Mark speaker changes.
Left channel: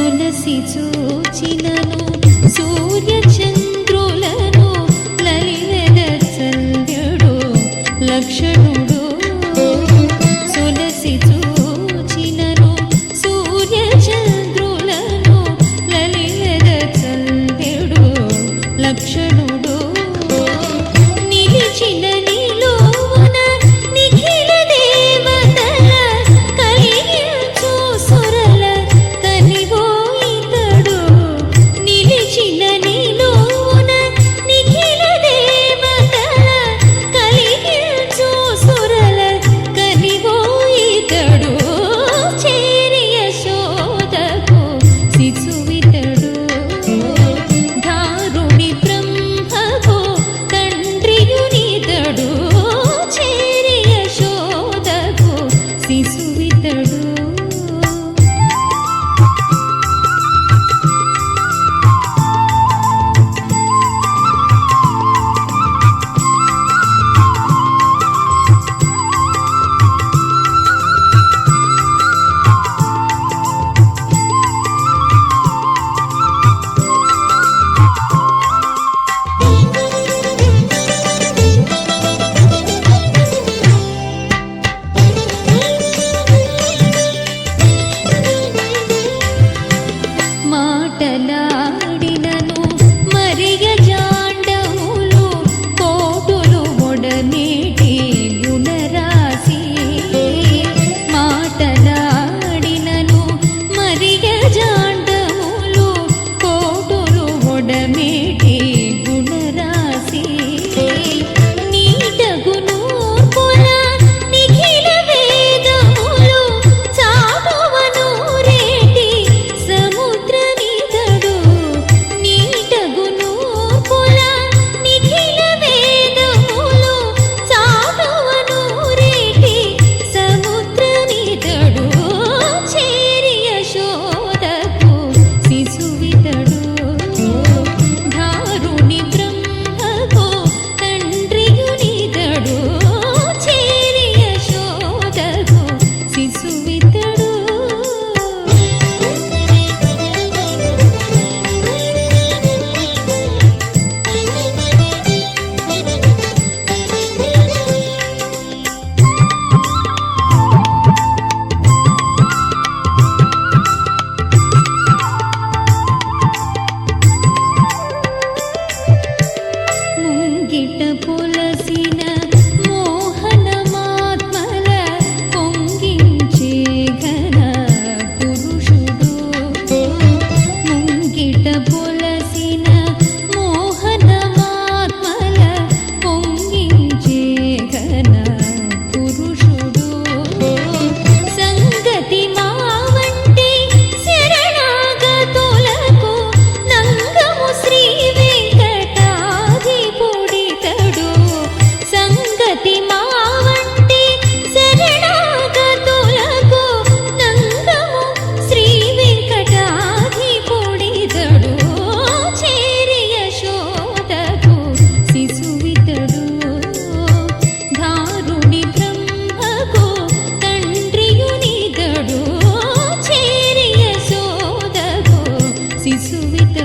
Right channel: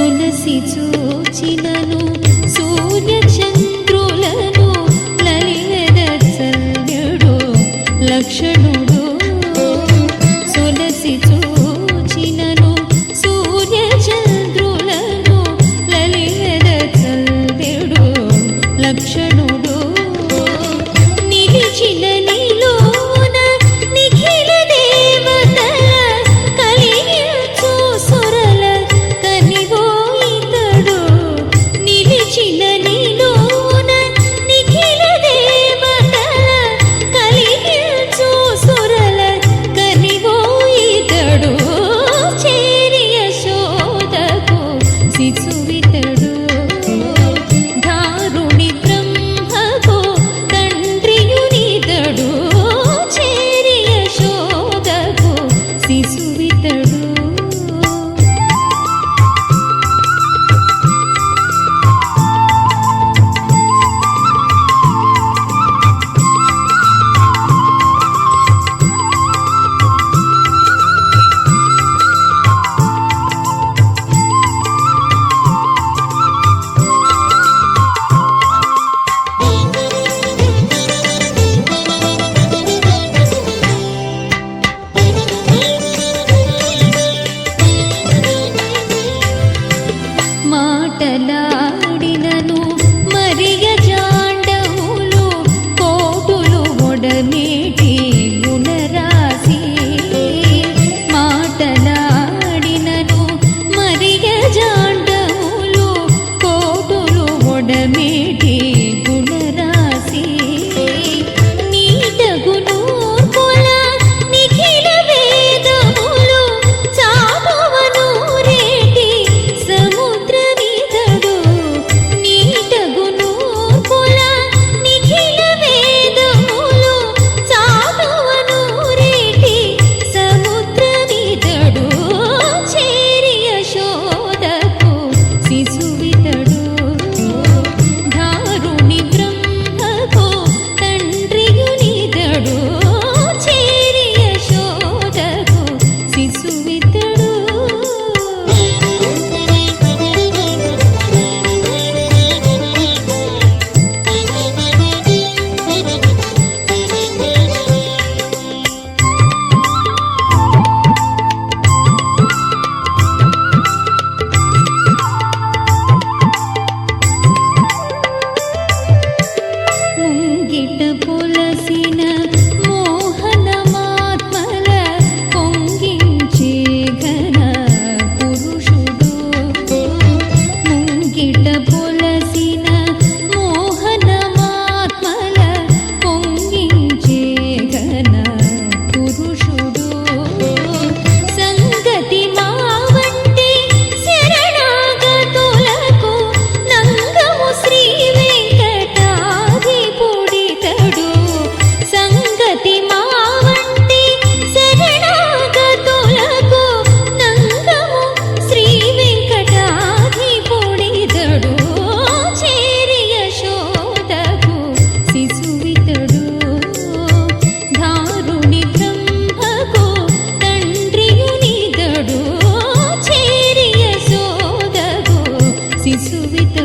Speaker 1: తులసి చూచినను సూర్య చంద్రులను లలిత చల్యుడు లక్షణుడు. తులసి చూచినను సూర్య చంద్రులను లలిత చల్యుడు లక్షణుడు. కలిసి మాటలాడినను మరిగజా போல்